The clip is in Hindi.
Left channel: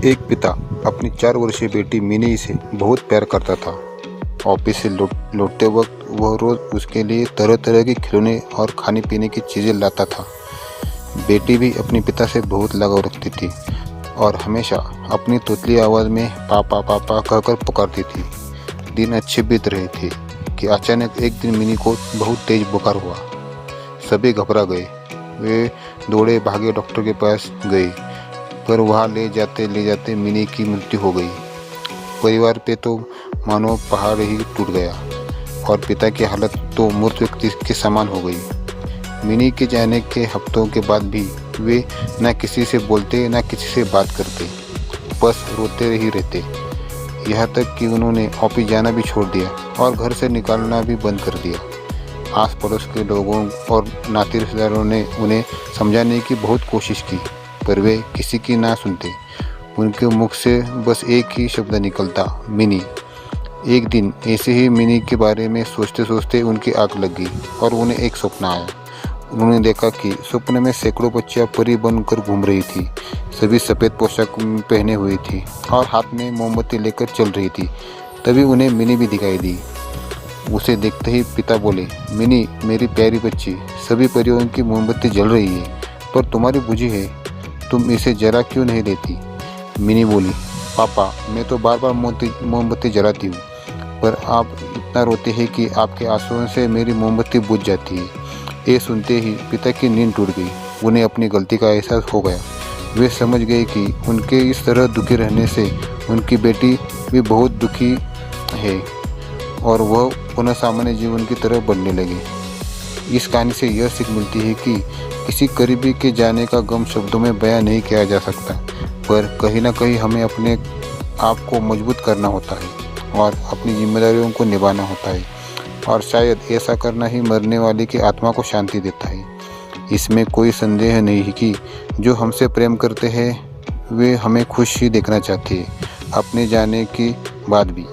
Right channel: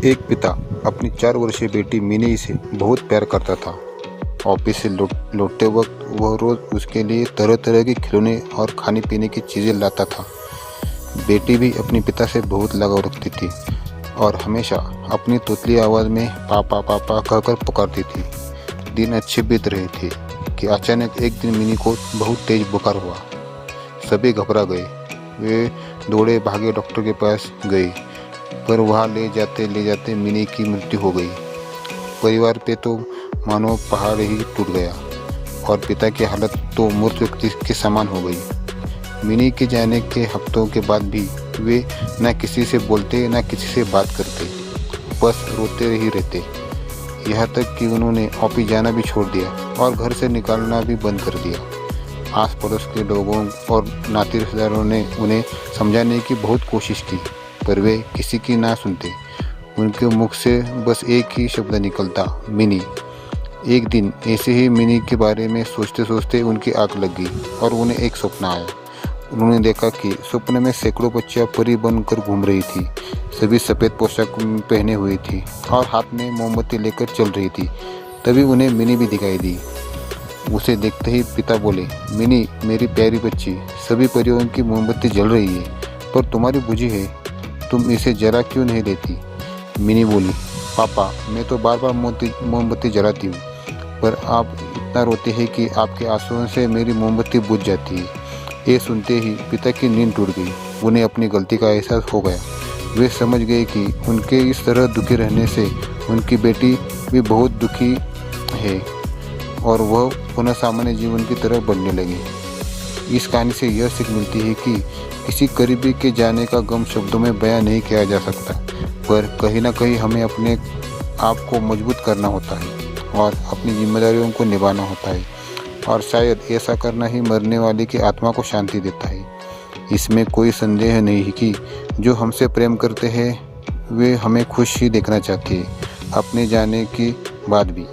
एक पिता अपनी 4 वर्षीय बेटी मिनी से बहुत प्यार करता था। ऑफिस से लौटते वक्त वह रोज उसके लिए तरह तरह के खिलौने और खाने पीने की चीज़ें लाता था। बेटी भी अपने पिता से बहुत लगाव रखती थी और हमेशा अपनी तोतली आवाज़ में पापा पापा कहकर पुकारती थी। दिन अच्छे बीत रहे थे कि अचानक एक दिन मिनी को बहुत तेज बुखार हुआ। सभी घबरा गए। वे दौड़े भागे डॉक्टर के पास गए, पर वहाँ ले जाते मिनी की मृत्यु हो गई। परिवार पे तो मानो पहाड़ ही टूट गया और पिता की हालत तो मृत व्यक्ति के समान हो गई। मिनी के जाने के हफ्तों के बाद भी वे न किसी से बोलते न किसी से बात करते, बस रोते ही रहते। यहाँ तक कि उन्होंने ऑफिस जाना भी छोड़ दिया और घर से निकालना भी बंद कर दिया। आस पड़ोस के लोगों और नाते रिश्तेदारों ने उन्हें समझाने की बहुत कोशिश की, पर वे किसी की ना सुनते। उनके मुख से बस एक ही शब्द निकलता, मिनी। एक दिन ऐसे ही मिनी के बारे में सोचते सोचते उनकी आंख लग गई और उन्हें एक सपना आया। उन्होंने देखा कि सपने में सैकड़ों बच्चियां परी बनकर घूम रही थी। सभी सफ़ेद पोशाक पहने हुई थी और हाथ में मोमबत्ती लेकर चल रही थी। तभी उन्हें मिनी भी दिखाई दी। उसे देखते ही पिता बोले, मिनी मेरी प्यारी बच्ची, सभी परियों की मोमबत्ती जल रही है, पर तुम्हारी बुझी है, तुम इसे जला क्यों नहीं देती? मिनी बोली, पापा मैं तो बार बार मोमबत्ती जलाती हूँ, पर आप इतना रोते हैं कि आपके आंसुओं से मेरी मोमबत्ती बुझ जाती है। ये सुनते ही पिता की नींद टूट गई। उन्हें अपनी गलती का एहसास हो गया। वे समझ गए कि उनके इस तरह दुखी रहने से उनकी बेटी भी बहुत दुखी है और वह पुनः सामान्य जीवन की तरह बनने लगे। इस कहानी से यह सीख मिलती है कि किसी करीबी के जाने का गम शब्दों में बयां नहीं किया जा सकता, पर कहीं ना कहीं हमें अपने आप को मजबूत करना होता है और अपनी जिम्मेदारियों को निभाना होता है, और शायद ऐसा करना ही मरने वाले की आत्मा को शांति देता है। इसमें कोई संदेह नहीं कि जो हमसे प्रेम करते हैं वे हमें खुश ही देखना चाहते हैं, अपने जाने के बाद भी।